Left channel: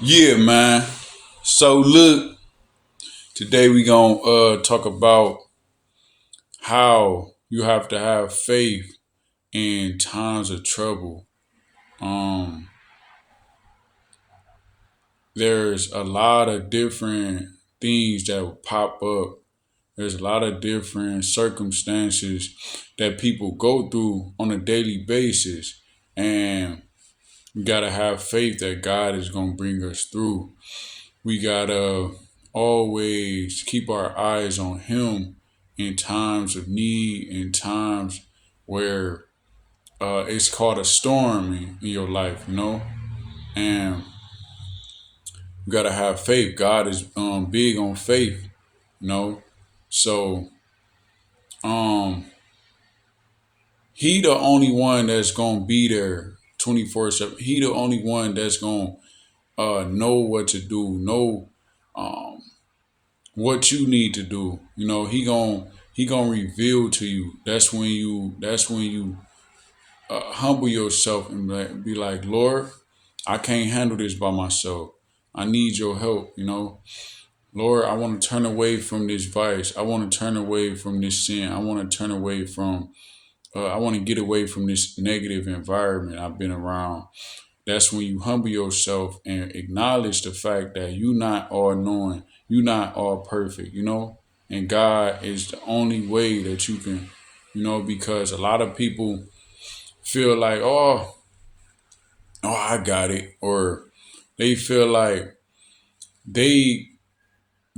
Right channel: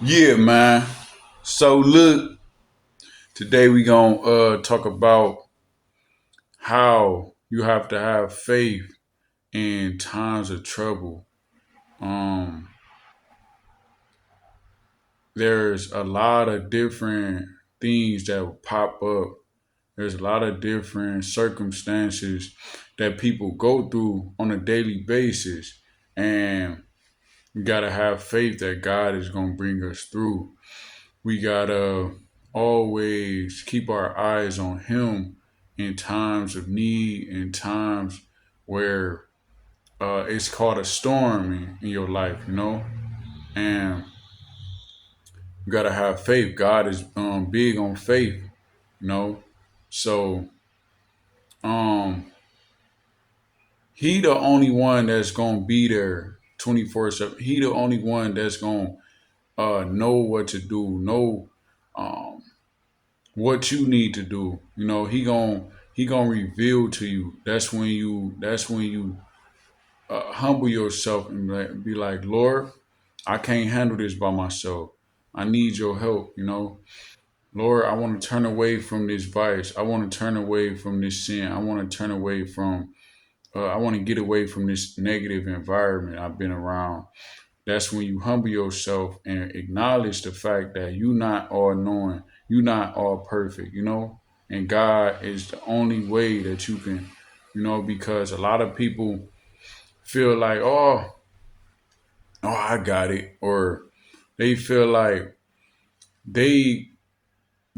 Yeah, man. So look, today we gonna talk about how you have to have faith in times of trouble. Um, there's a lot of different things that will pop up. There's a lot of different circumstances that people go through on a daily basis, and we gotta have faith that God is gonna bring us through. We gotta always keep our eyes on Him in times of need, in times where it's called a storm in your life, and you gotta have faith. God is big on faith, you know. So um, He the only one that's gonna be there 24/7. He the only one that's gonna know what to do, know um, what you need to do. He gonna reveal to you. That's when you humble yourself and be like, Lord, I can't handle this by myself. I need your help. Lord, I want to turn away from this vice. I want to turn away from this sin. I want to turn away from. I want to get away from this negative environment I've been around. That's when you humble yourself and acknowledge the fact that you're not all knowing, you're not all perfect, and God is the only way that you can, because a lot of people feel like, oh, I got it, or they feel like they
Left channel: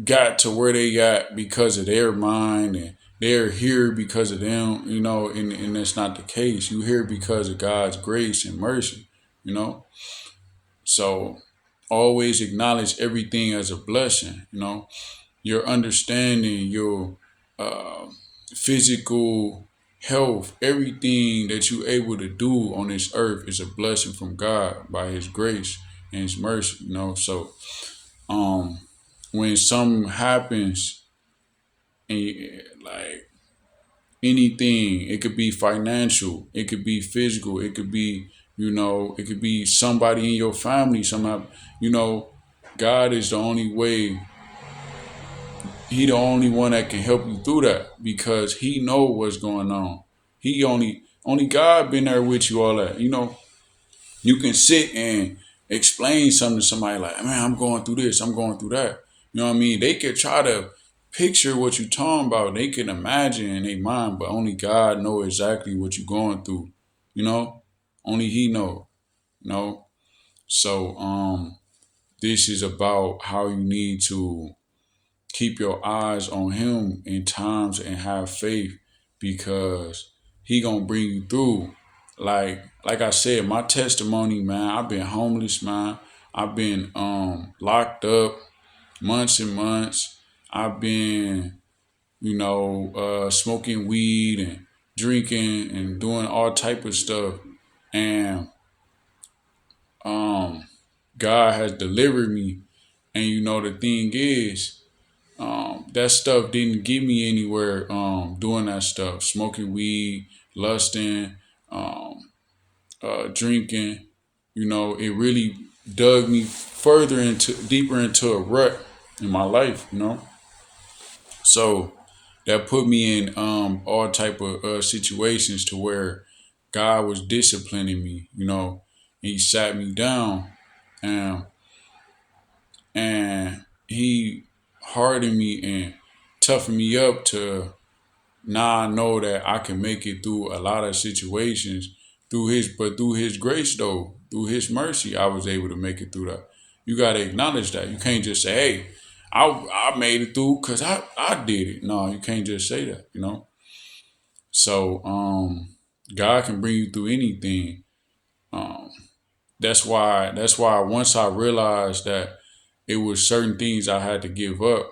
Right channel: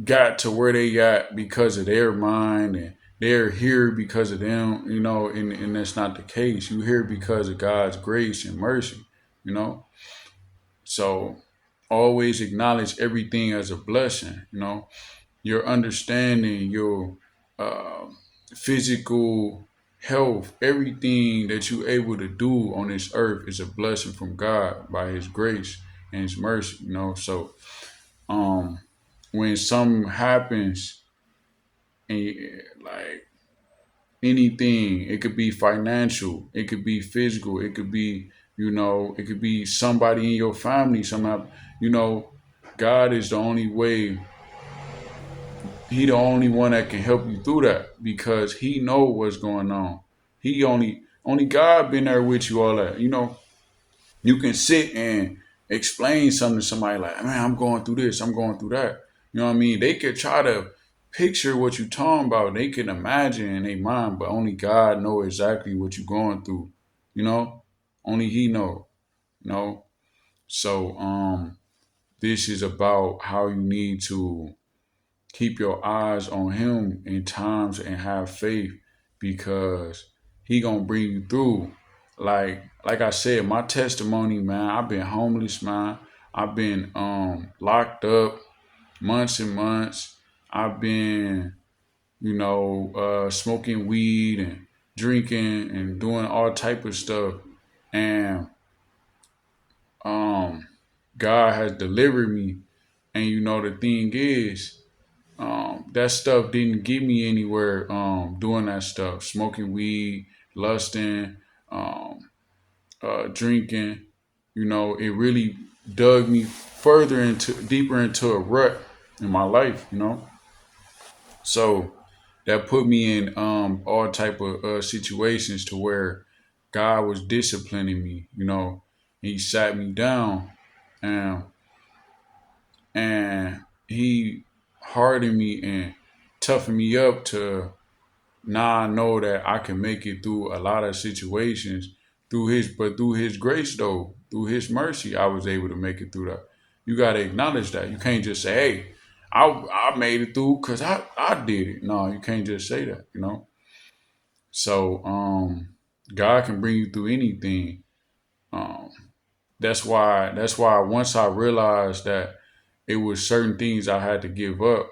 got to where they got because of their mind and they're here because of them, and that's not the case. You here because of God's grace and mercy, you know. So always acknowledge everything as a blessing. Your understanding, your uh, physical health, everything that you're able to do on this earth is a blessing from God by His grace and His mercy. Um, when something happens, like anything, it could be financial, it could be physical, it could be, it could be somebody in your family. Somehow, you know, God is the only way. He the only one that can help you through that because He know what's going on. He only God been there with you all that. You can sit and explain something to somebody like, man, I'm going through this, I'm going through that. You know what I mean? They could try to picture what you're talking about. They can imagine in their mind, but only God know exactly what you're going through. You know, only He know. You know, so this is about how you need to keep your eyes on Him in times and have faith because He gonna bring you through. Like I said, my testimony, man, I've been homeless, man. I've been locked up months and months. I've been, smoking weed and drinking and doing all type of stuff. And um God has delivered me. And the thing is, that stuff didn't get me anywhere doing that stuff, smoking weed, lusting, um, drinking. It really dug me further into deeper into a rut in my life. So that put me in all type of situations to where God was disciplining me. He sat me down and He hardened me and toughened me up to now I know that I can make it through a lot of situations through His grace though, through His mercy, I was able to make it through that. You gotta acknowledge that. You can't just say, "Hey, I made it through because I did it." No, you can't just say that. So God can bring you through anything. Um, that's why once I realized that it was certain things I had to give up,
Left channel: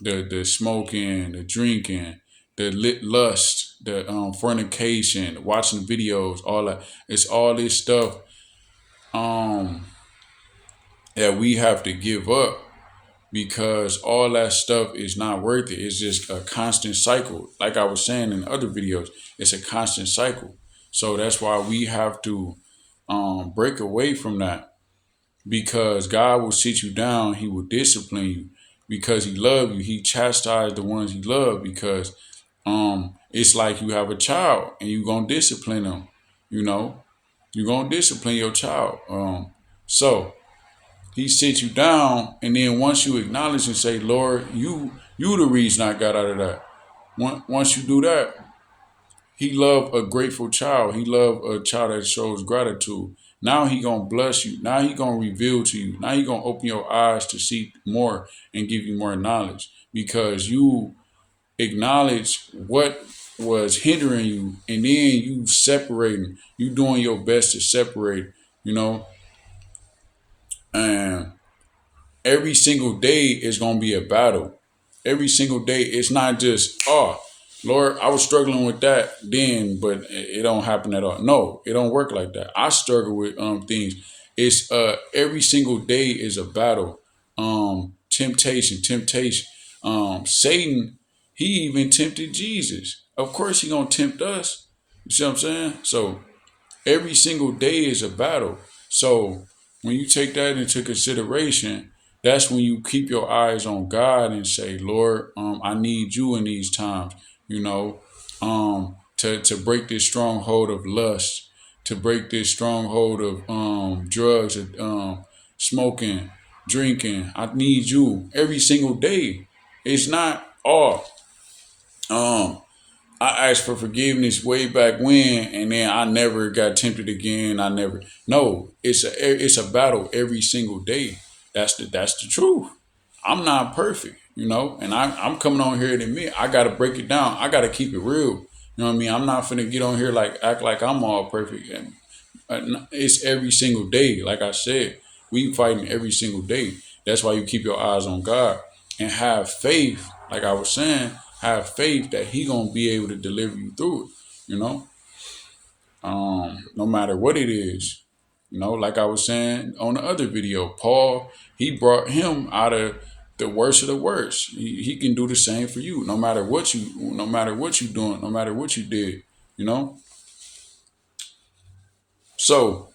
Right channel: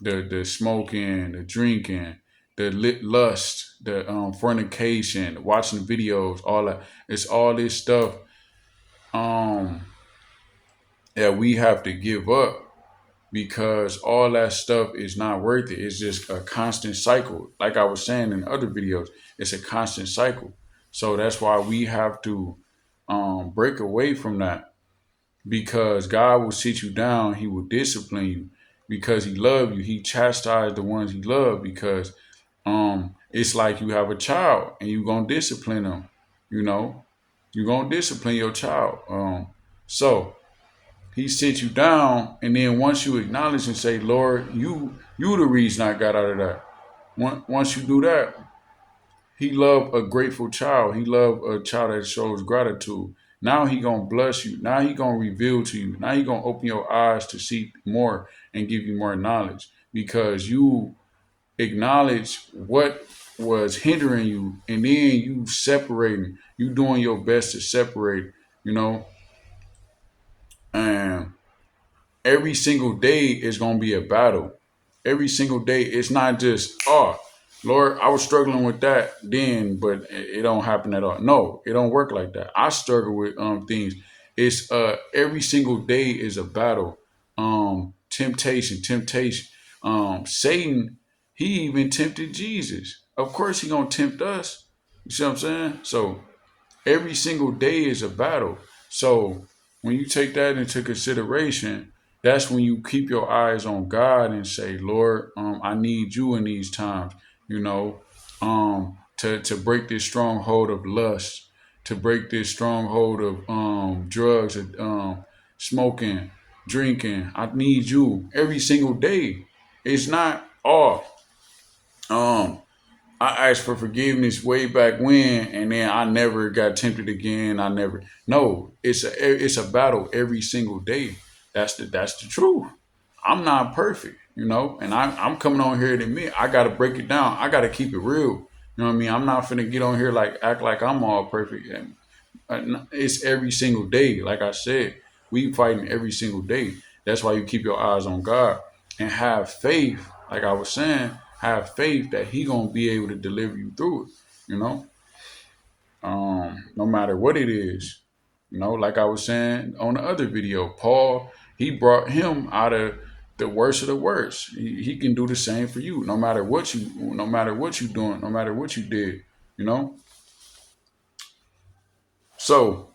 the smoking, the drinking, the lit lust, the fornication, watching videos, all that. It's all this stuff um that we have to give up because all that stuff is not worth it. It's just a constant cycle. Like I was saying in other videos, it's a constant cycle. So that's why we have to break away from that because God will sit you down. He will discipline you because he loves you. He chastised the ones he loved because it's like you have a child and you're gonna discipline them. You know, you're gonna discipline your child. So he sits you down, and then once you acknowledge and say, Lord, you the reason I got out of that. Once you do that, he love a grateful child. He love a child that shows gratitude. Now he gonna bless you. Now he gonna reveal to you. Now he gonna open your eyes to see more and give you more knowledge because you acknowledge what was hindering you, and then you separating. You doing your best to separate. You know, and every single day is going to be a battle. Every single day, it's not just, oh, Lord, I was struggling with that then, but it don't happen at all. No, it don't work like that. I struggle with things. It's every single day is a battle. Temptation. Satan, he even tempted Jesus. Of course, he gonna tempt us. You see what I'm saying? So every single day is a battle. So when you take that into consideration, that's when you keep your eyes on God and say, Lord, I need you in these times, you know, to break this stronghold of lust, to break this stronghold of drugs, smoking, drinking. I need you every single day. It's not all. I asked for forgiveness way back when, and then I never got tempted again. I never. No, it's a battle every single day. That's the truth. I'm not perfect, you know, and I'm coming on here to admit I gotta break it down. I gotta keep it real. You know what I mean? I'm not finna get on here like act like I'm all perfect. And it's every single day. Like I said, we fighting every single day. That's why you keep your eyes on God and have faith. Like I was saying, have faith that He gonna be able to deliver you through it. You know, no matter what it is. You know, like I was saying on the other video, Paul, he brought him out of the worst of the worst. He can do the same for you, no matter what you doing, no matter what you did. You know. So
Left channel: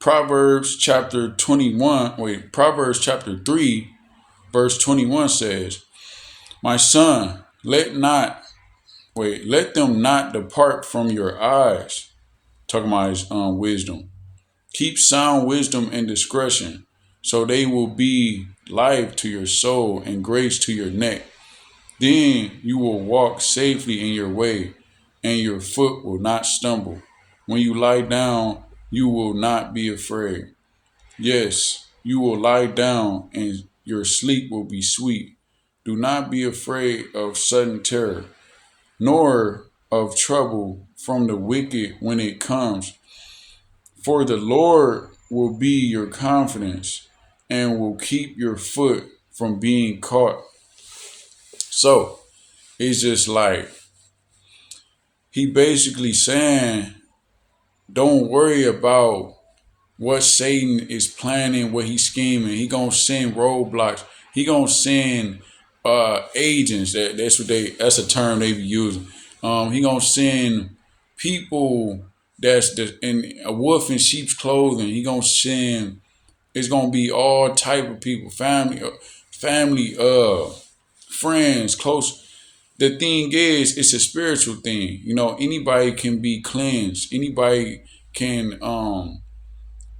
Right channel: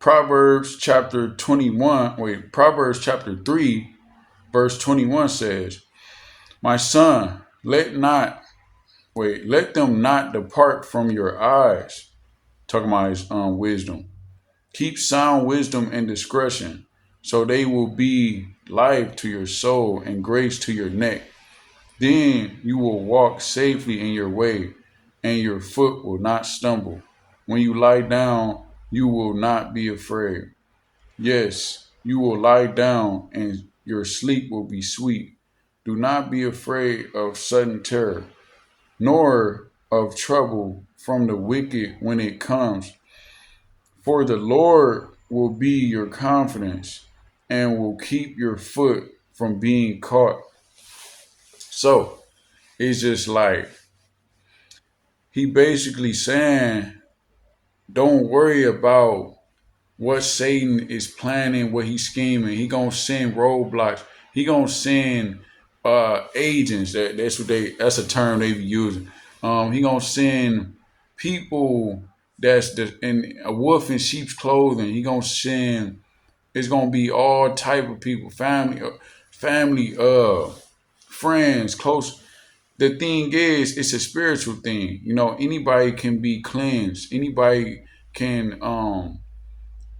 Proverbs chapter 3, verse 21 says, My son, let them not depart from your eyes. Talking about his wisdom. Keep sound wisdom and discretion, so they will be life to your soul and grace to your neck. Then you will walk safely in your way, and your foot will not stumble. When you lie down, you will not be afraid. Yes, you will lie down, and your sleep will be sweet. Do not be afraid of sudden terror, nor of trouble from the wicked when it comes. For the Lord will be your confidence and will keep your foot from being caught. So it's just like he basically saying, don't worry about what Satan is planning, what he's scheming. He gonna send roadblocks. He gonna send agents. That's a term they be using. He gonna send people in a wolf in sheep's clothing. He gonna send. It's gonna be all type of people, family, friends, close. The thing is, it's a spiritual thing. You know, anybody can be cleansed. Anybody can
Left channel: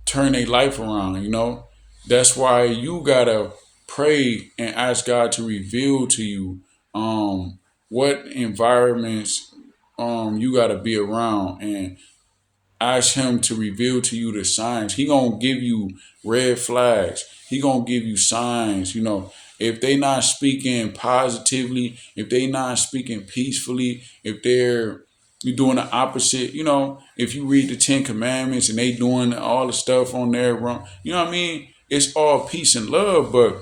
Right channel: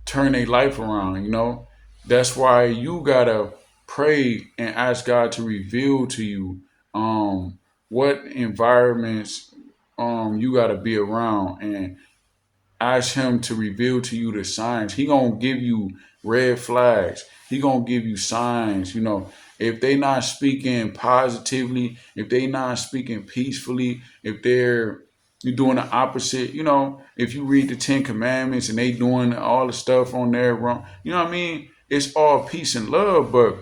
turn their life around, you know. That's why you gotta pray and ask God to reveal to you what environments you gotta be around, and ask him to reveal to you the signs. He gonna give you red flags. He gonna give you signs, you know. If they not speaking positively, if they not speaking peacefully, if they're you doing the opposite, you know, if you read the Ten Commandments and they doing all the stuff on there wrong, you know what I mean? It's all peace and love, but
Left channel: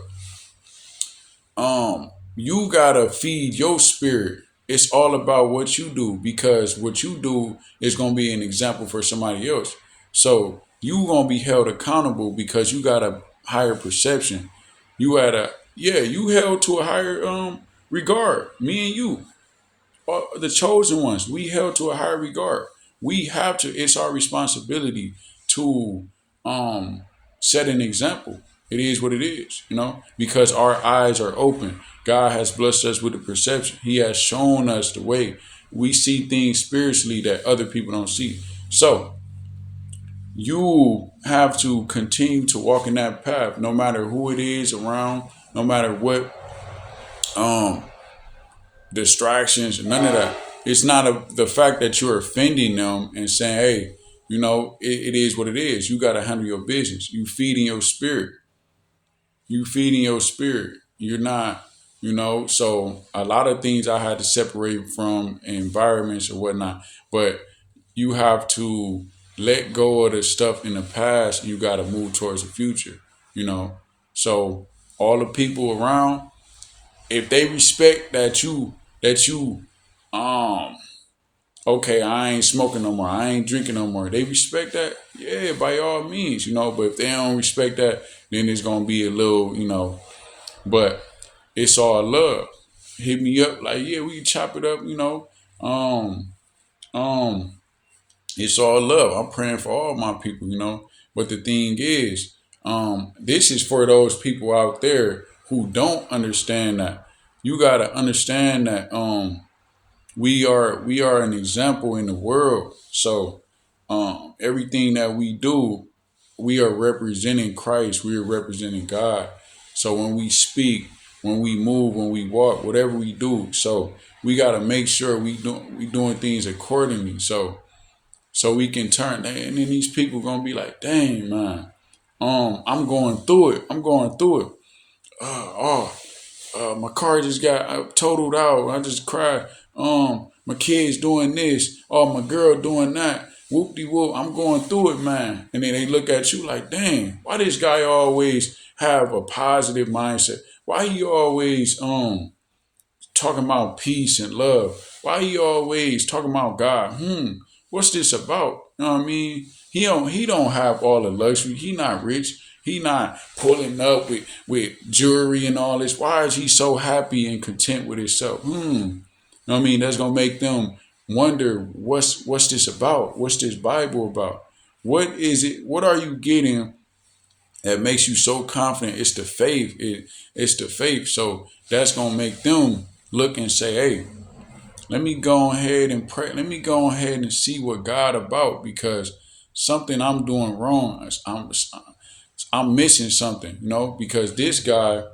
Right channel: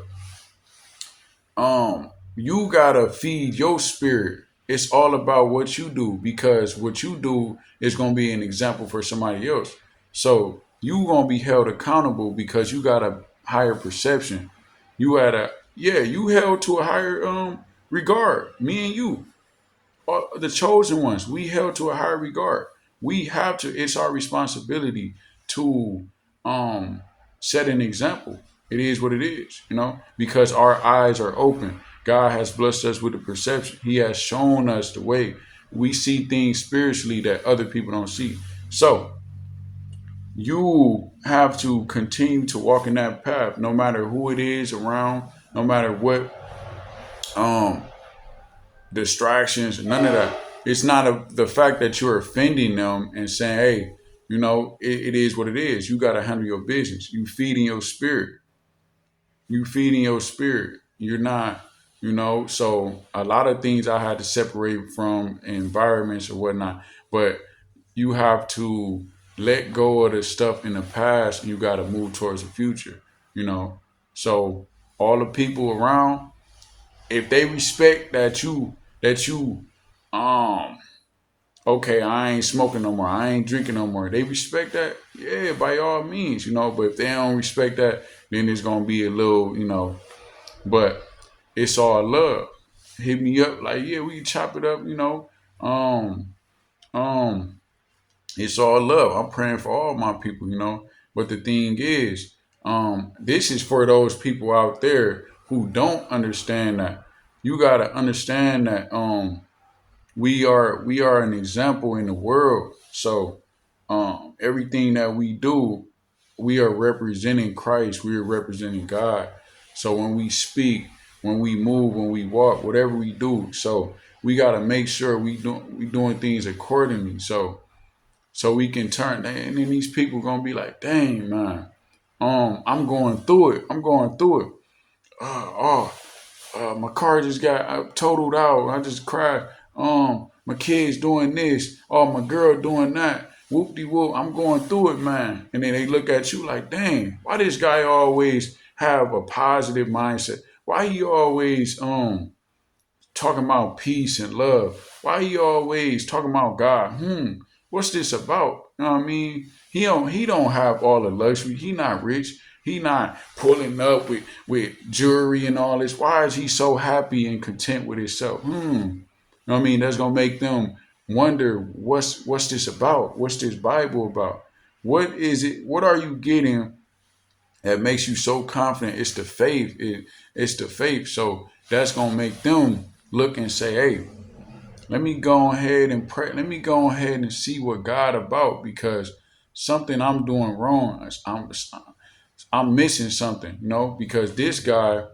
you gotta feed your spirit. It's all about what you do, because what you do is gonna be an example for somebody else. So you gonna be held accountable because you got a higher perception. You had a you held to a higher regard. Me and you, the chosen ones, we held to a higher regard. We have to. It's our responsibility to um set an example. It is what it is, because our eyes are open. God has blessed us with the perception. He has shown us the way. We see things spiritually that other people don't see. So you have to continue to walk in that path, no matter who it is around, no matter what um distractions, none of that. It's not the fact that you're offending them and saying, hey, it is what it is. You got to handle your business. You feeding your spirit. You feeding your spirit. You're not, so a lot of things I had to separate from environments or whatnot. But you have to let go of the stuff in the past and you got to move towards the future, So all the people around, if they respect that you um okay, I ain't smoking no more, I ain't drinking no more, they respect that, yeah, by all means, but if they don't respect that, then it's gonna be a little, but it's all love. Hit me up like, yeah, we can chop it up, um um it's all love. I'm praying for all my people, but the thing is, this is for those people out there who don't understand that. You gotta understand that we are an example in the world. So everything that we do, we are representing Christ. We are representing God. So when we speak, when we move, when we walk, whatever we do, so we gotta make sure we doing things accordingly. So we can turn, and then these people gonna be like, dang man, I'm going through it. I'm going through it. My car just got totaled out. I just cried. My kids doing this. Oh, my girl doing that. Whoop de whoop. I'm going through it, man. And then they look at you like, dang, why this guy always have a positive mindset? Why he always talking about peace and love? Why he always talking about God? What's this about? You know what I mean? He don't have all the luxury. He not rich. He not pulling up with jewelry and all this. Why is he so happy and content with himself? You know what I mean? That's gonna make them wonder what's this about? What's this Bible about? What is it? What are you getting that makes you so confident? It's the faith. It's the faith. So that's gonna make them look and say, hey, let me go ahead and pray. Let me go ahead and see what God about, because something I'm doing wrong. I'm missing something, because this guy,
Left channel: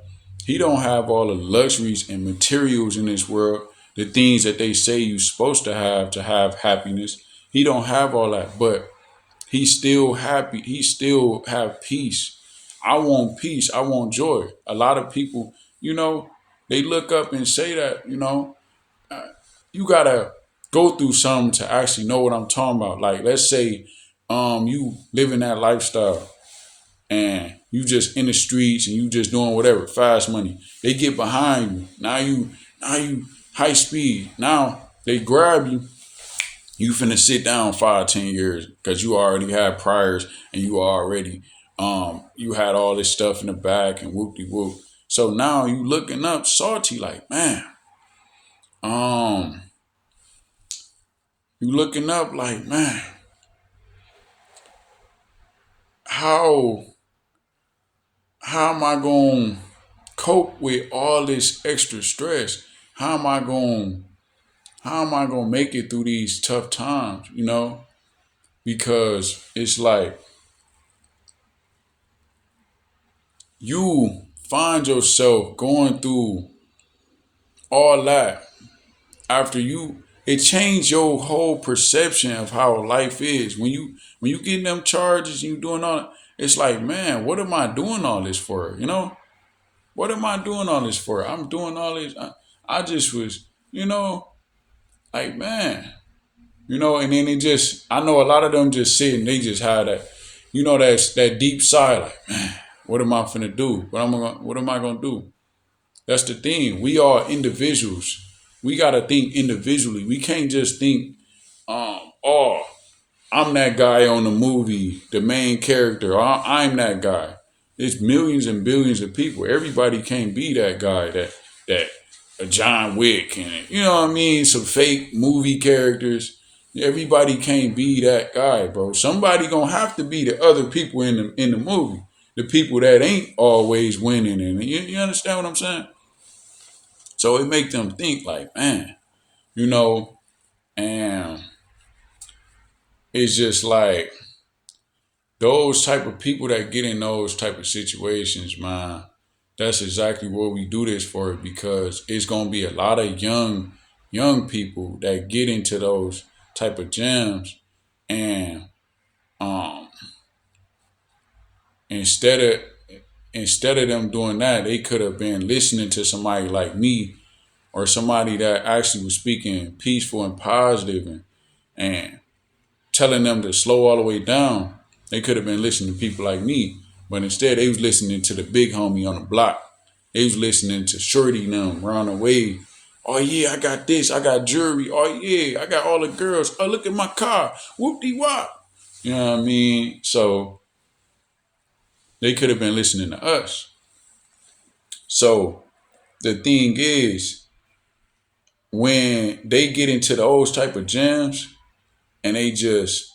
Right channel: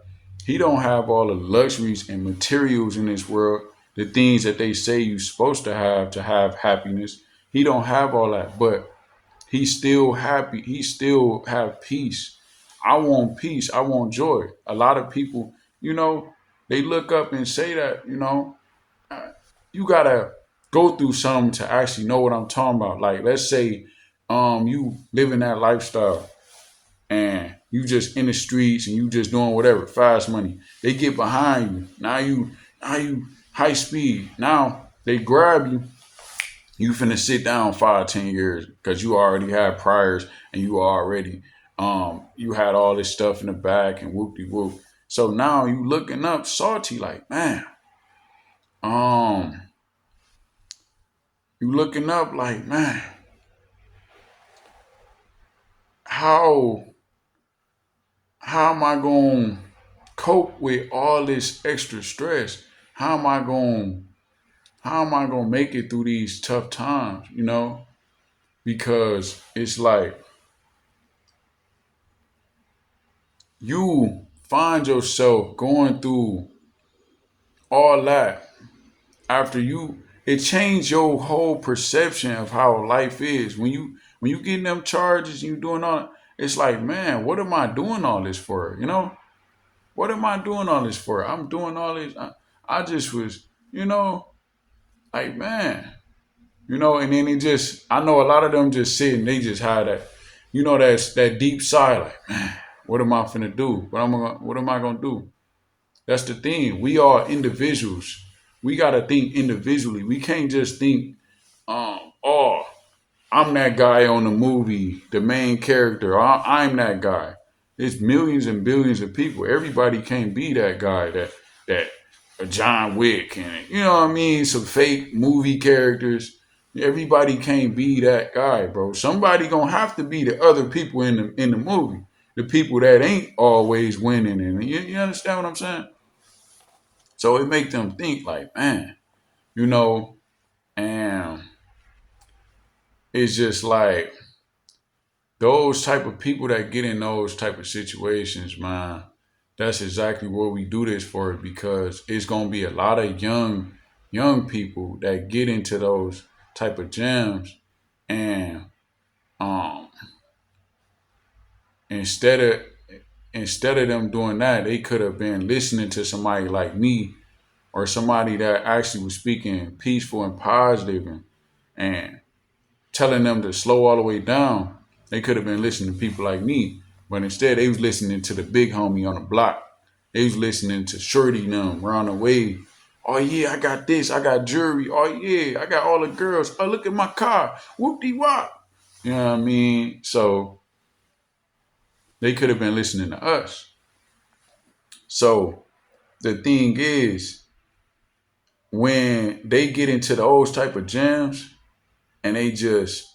he don't have all the luxuries and materials in this world, the things that they say you're supposed to have happiness. He don't have all that, but he's still happy. He still have peace. I want peace. I want joy. A lot of people, they look up and say that, you gotta go through something to actually know what I'm talking about. Like, let's say you living that lifestyle and you just in the streets and you just doing whatever, fast money. They get behind you. Now you high speed. Now they grab you. You finna sit down 5, 10 years because you already had priors and you already you had all this stuff in the back and whoop de whoop. So now you looking up salty like, man, um, you looking up like, man, how how am I gonna cope with all this extra stress? How am I going how am I gonna make it through these tough times, Because it's like you find yourself going through all that after it changed your whole perception of how life is. When you getting them charges and you doing all that, it's like, man, what am I doing all this for? What am I doing all this for? I'm doing all this. I just was, like, man, and then I know a lot of them just sitting, they just have that, that's that deep sigh, like, man, what am I finna do? What am I gonna do? That's the thing. We are individuals. We gotta think individually. We can't just think, oh, I'm that guy on the movie, the main character. I'm that guy. It's millions and billions of people. Everybody can't be that guy, that John Wick, and you know what I mean, some fake movie characters. Everybody can't be that guy, bro. Somebody gonna have to be the other people in the movie. the people that ain't always winning, and you understand what I'm saying? So it make them think like, man, you know, and it's just like those type of people that get in those type of situations, man. That's exactly what we do this for, because it's gonna be a lot of young people that get into those type of jams, and um instead of instead of them doing that, they could have been listening to somebody like me, or somebody that actually was speaking peaceful and positive, and telling them to slow all the way down. They could have been listening to people like me, but instead they was listening to the big homie on the block. They was listening to Shorty and them around the way. Oh yeah, I got this. I got jewelry. Oh yeah, I got all the girls. Oh, look at my car. Whoop de wop. You know what I mean? So they could have been listening to us. So the thing is, when they get into those type of jams and they just,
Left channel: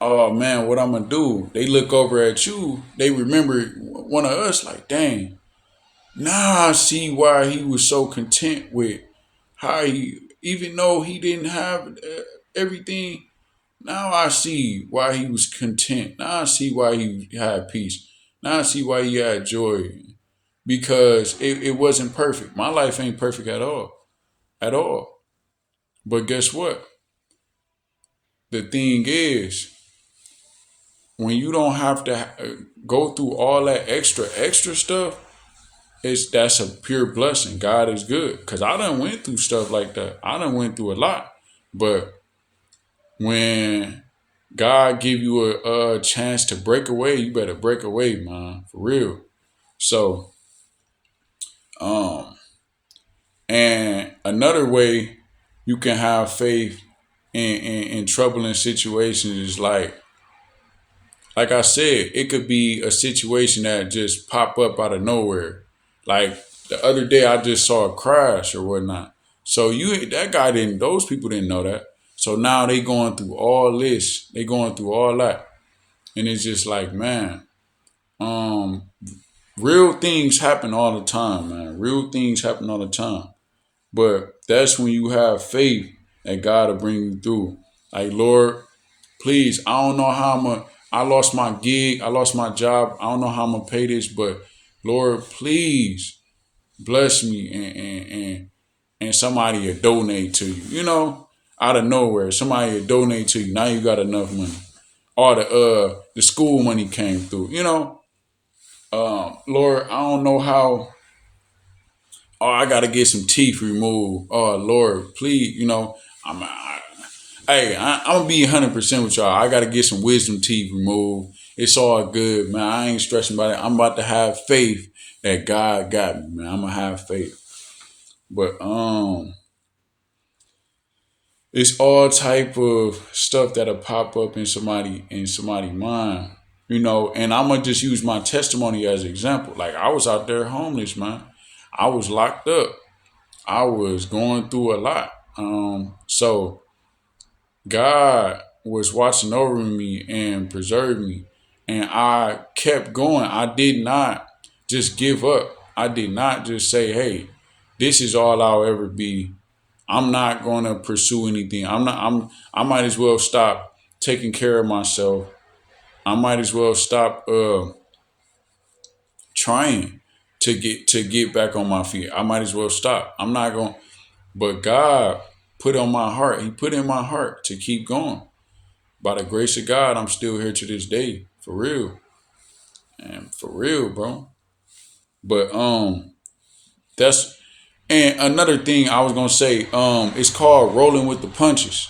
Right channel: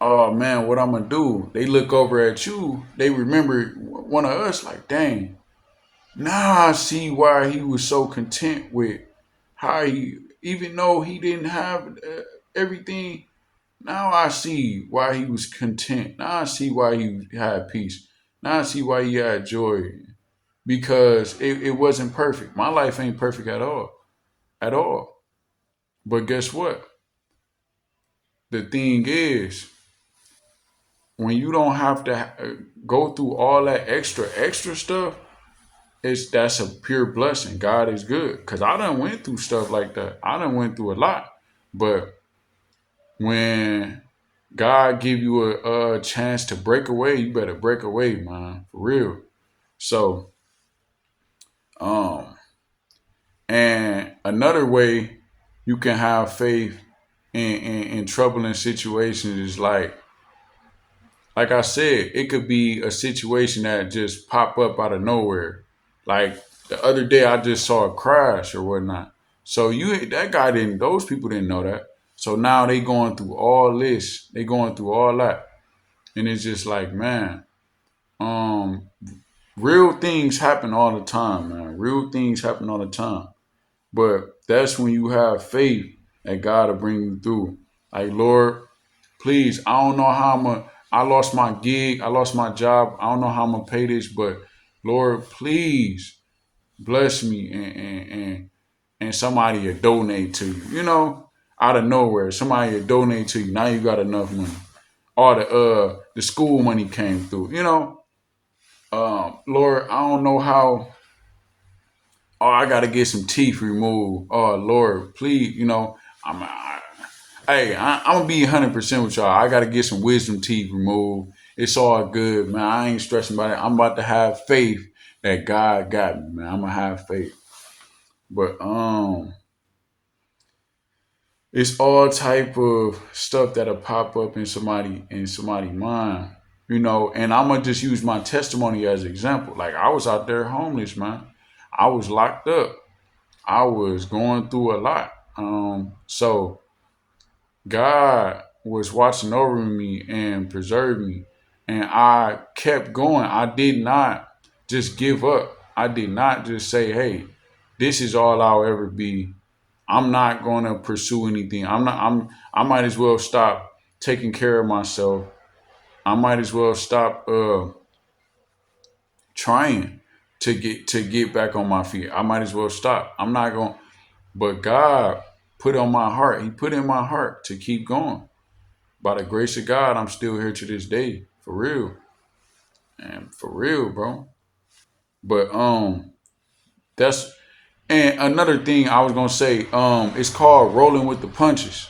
oh man, what I'm gonna do? They look over at you. They remember one of us. Like, dang, now I see why he was so content with how he, even though he didn't have everything. Now I see why he was content. Now I see why he had peace. Now I see why he had joy, because it wasn't perfect. My life ain't perfect at all. But guess what? The thing is, when you don't have to go through all that extra stuff, that's a pure blessing. God is good, cause I done went through stuff like that. I done went through a lot, but when God give you a chance to break away, you better break away, man, for real. So, um, and another way you can have faith in troubling situations is like I said, it could be a situation that just pop up out of nowhere. Like the other day, I just saw a crash or whatnot. So that guy didn't. Those people didn't know that. So now they going through all this. They going through all that, and it's just like, man, um, real things happen all the time, man. Real things happen all the time. But that's when you have faith that God will bring you through. Like, Lord, please, I don't know how I lost my gig, I lost my job. I don't know how I'm gonna pay this, but Lord, please bless me, and somebody will donate to you. You know, out of nowhere, somebody will donate to you. Now you got enough money. Or the school money came through. You know, Lord, I don't know how. Oh, I gotta get some teeth removed. Oh Lord, please, I'm gonna be 100% with y'all. I gotta get some wisdom teeth removed. It's all good, man. I ain't stressing about it. I'm about to have faith that God got me, man. I'm gonna have faith. But it's all type of stuff that'll pop up in somebody mind, and I'm gonna just use my testimony as an example. Like, I was out there homeless, man. I was locked up. I was going through a lot. So God was watching over me and preserved me. And I kept going. I did not just give up. I did not just say, hey, this is all I'll ever be. I'm not gonna pursue anything. I might as well stop taking care of myself. I might as well stop trying to get back on my feet. I might as well stop. I'm not going, but God put on my heart. He put in my heart to keep going. By the grace of God, I'm still here to this day. For real. And for real, bro. But that's and another thing I was gonna say, it's called rolling with the punches.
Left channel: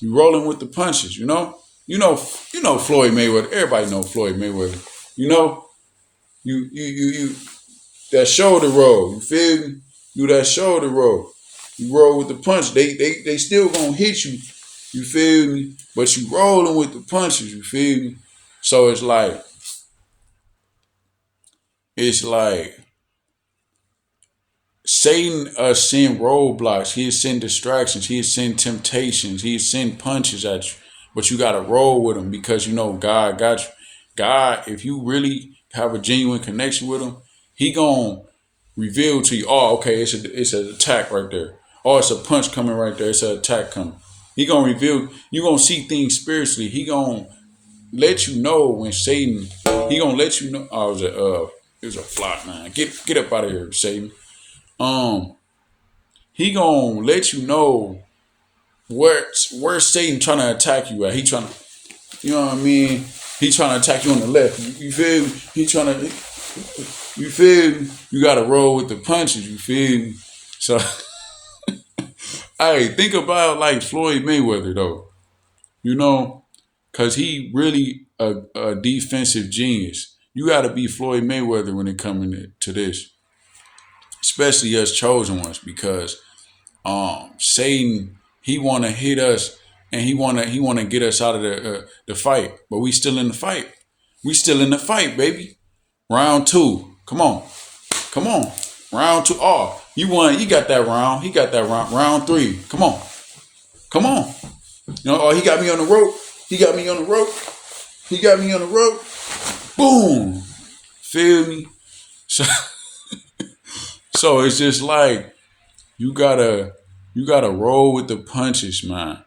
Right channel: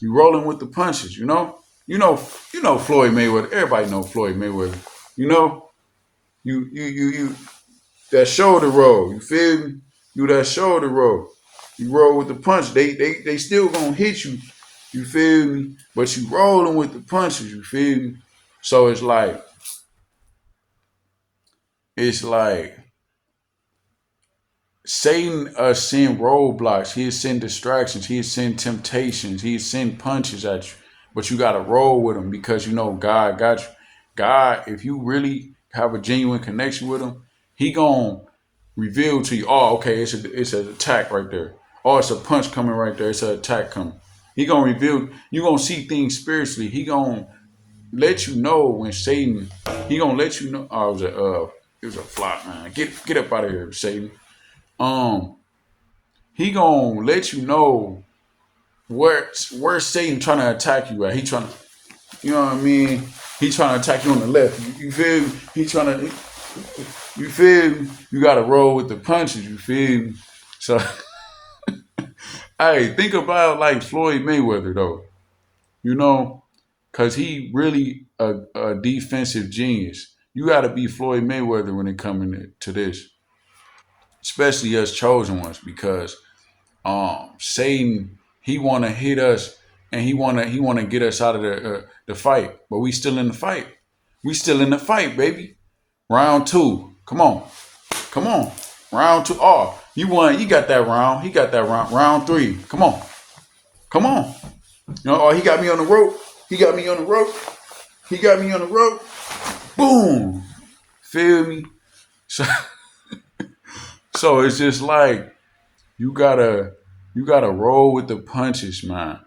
You rolling with the punches, you know? You know Floyd Mayweather. Everybody know Floyd Mayweather. You know? You that shoulder roll. You feel me? You that shoulder roll. You roll with the punch. They still gonna hit you. You feel me? But you rolling with the punches. You feel me? So it's like Satan send roadblocks. He'll send distractions. He'll send temptations. He'll send punches at you. But you gotta roll with them because you know God got you. God, if you really have a genuine connection with him, he gonna reveal to you, oh, okay, it's an attack right there. Oh, it's a punch coming right there. It's an attack coming. He gonna reveal, you gonna see things spiritually. He gonna let you know when Satan, he gonna let you know, oh, it was a flop, man. Get up out of here, Satan. Um, he gonna let you know where Satan trying to attack you at. He trying to, you know what I mean? He trying to attack you on the left. You feel me? He trying to, you feel me? You gotta roll with the punches. You feel me? So, hey, think about like Floyd Mayweather though. You know, cause he really a defensive genius. You gotta be Floyd Mayweather when it coming to this, especially us chosen ones, because Satan, he want to hit us, and he wanna get us out of the fight, but we still in the fight. We still in the fight, baby. Round two. Come on. Come on. Round two. Oh, you won. You got that round. He got that round. Round three. Come on. Come on. You know, oh, he got me on the rope. He got me on the rope. He got me on the rope. Boom. Feel me? So, so it's just like you gotta you gotta roll with the punches, man.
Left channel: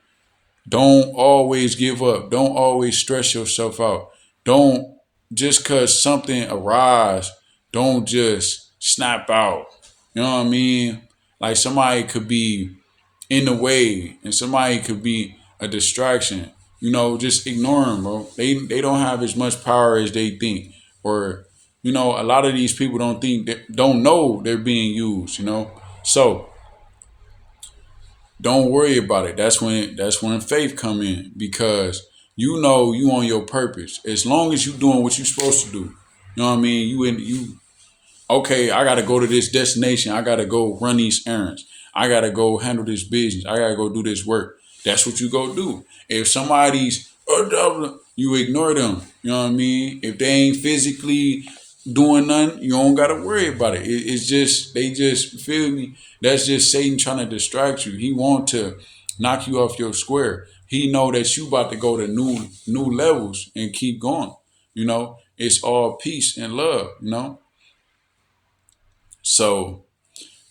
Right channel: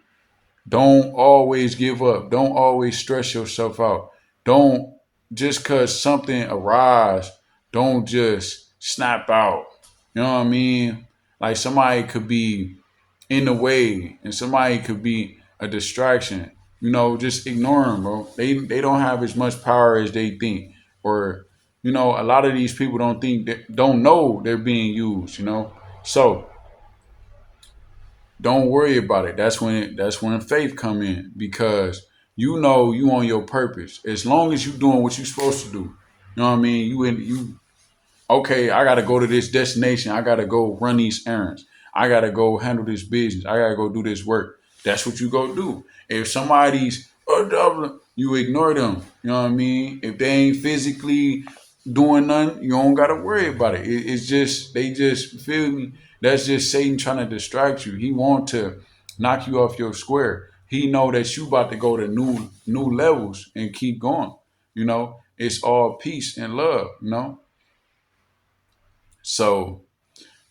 Don't always give up. Don't always stress yourself out. Don't just cause something arise, don't just snap out. You know what I mean? Like somebody could be in the way and somebody could be a distraction. You know, just ignore them, bro. They don't have as much power as they think. Or, you know, a lot of these people don't know they're being used, you know? So don't worry about it. That's when faith come in, because you know you on your purpose. As long as you doing what you supposed to do. You know what I mean? You okay, I gotta go to this destination. I gotta go run these errands. I gotta go handle this business. I gotta go do this work. That's what you go do. If somebody's you ignore them. You know what I mean? If they ain't physically doing nothing, you don't gotta worry about it. It's just they just feel me. That's just Satan trying to distract you. He want to knock you off your square. He know that you about to go to new levels and keep going. You know, it's all peace and love. You know, so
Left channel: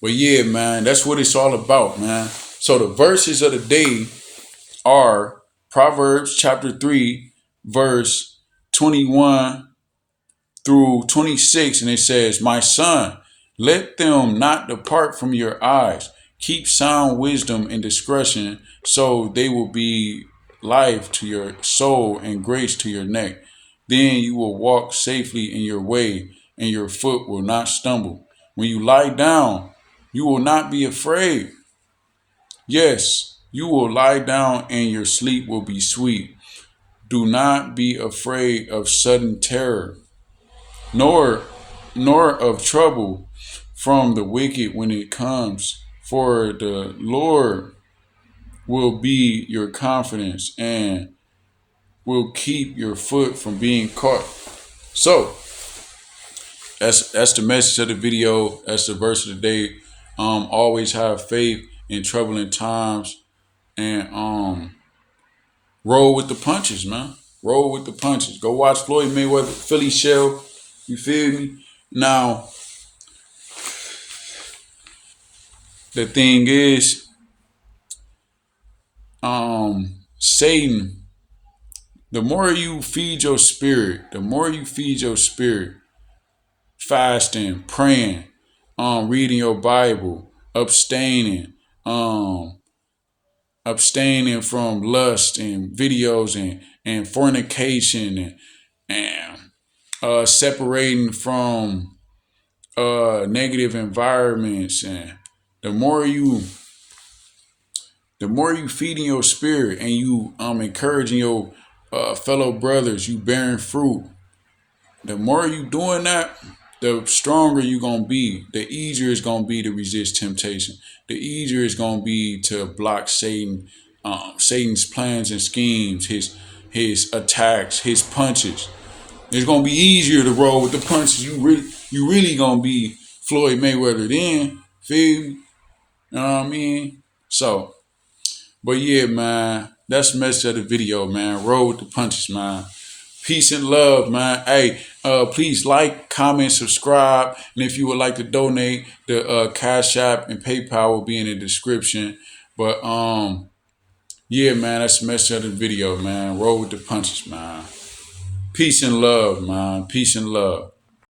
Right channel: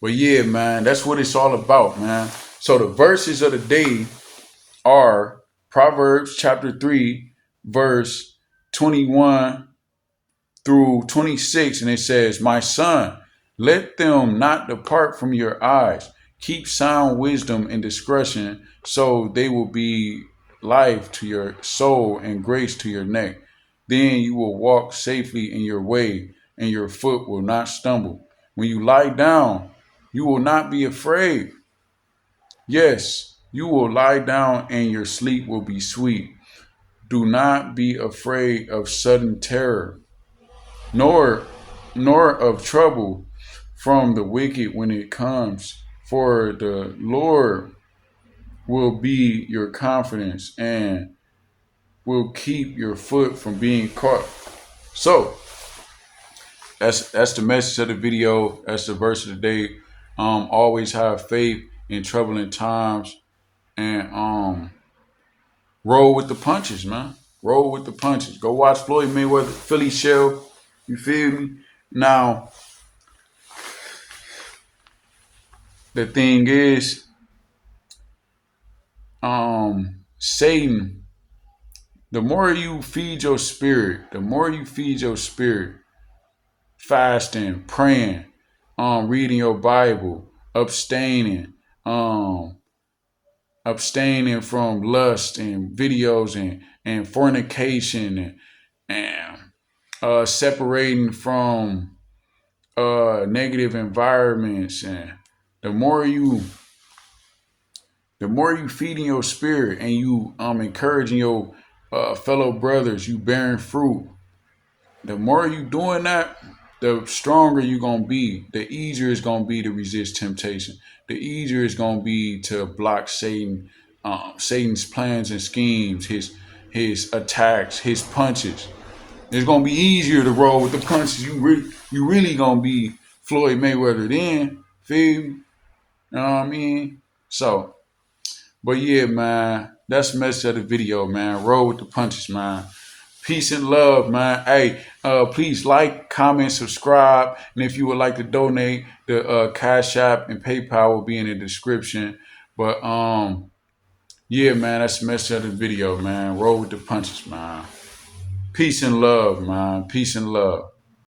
but yeah, man, that's what it's all about, man. So the verses of the day are Proverbs chapter 3, verse 21 through 26, and it says, my son, let them not depart from your eyes. Keep sound wisdom and discretion, so they will be life to your soul and grace to your neck. Then you will walk safely in your way, and your foot will not stumble. When you lie down, you will not be afraid. Yes, you will lie down, and your sleep will be sweet. Do not be afraid of sudden terror, nor of trouble from the wicked when it comes. For the Lord will be your confidence and will keep your foot from being caught. So that's the message of the video. That's the verse of the day. Always have faith in troubling times, and roll with the punches, man. Roll with the punches. Go watch Floyd Mayweather, Philly Shell. You feel me? Now, the thing is, Satan, the more you feed your spirit, fasting, praying, reading your Bible, um, abstaining from lust and videos and fornication and separating from negative environments, and the more you feeding your spirit and you encouraging your fellow brothers, you bearing fruit. The more you doing that, the stronger you gonna be. The easier it's gonna be to resist temptation. The easier it's gonna be to block Satan's plans and schemes, his attacks, his punches. It's gonna be easier to roll with the punches. You really gonna be Floyd Mayweather then. Feel me? You know what I mean? So, but yeah, man, that's the message of the video, man. Roll with the punches, man. Peace and love, man. Hey, please like, comment, subscribe, and if you would like to donate, the Cash App and PayPal will be in the description. But yeah, man, that's the message of the video, man. Roll with the punches, man. Peace and love, man. Peace and love.